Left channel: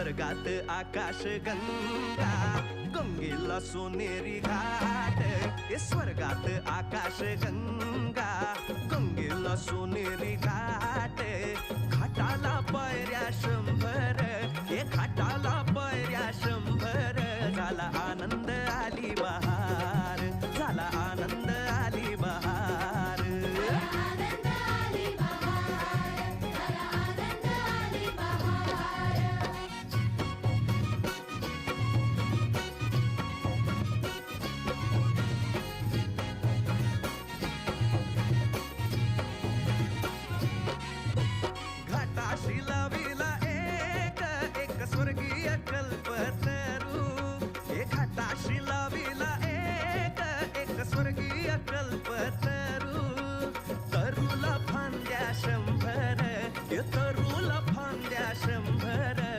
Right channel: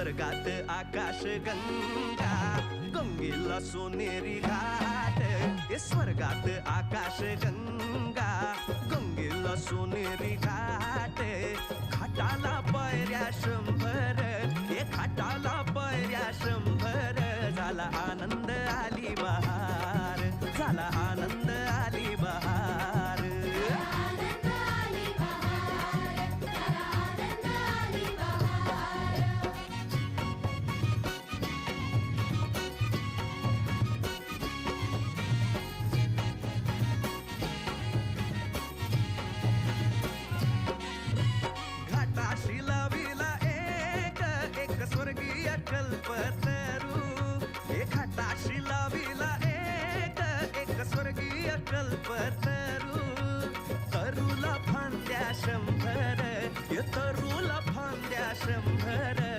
स्वर्गात आकाश गंगा, गंगेला सोनेरी घाट. हे स्वर्गात आकाश गंगा, गंगेला सोनेरी घाट. घाटाला पायऱ्या 100, हे घाटाला पायऱ्या 100. झाला आनंद आली बहार, झाला आनंद आली बहार. घाटाशी लाविला एक स्वर्गीय कल्पतरू. हे घाटाशी लाविला एक स्वर्गीय कल्पतरू. तरूला फांद्या 100, हे तरूला फांद्या 100.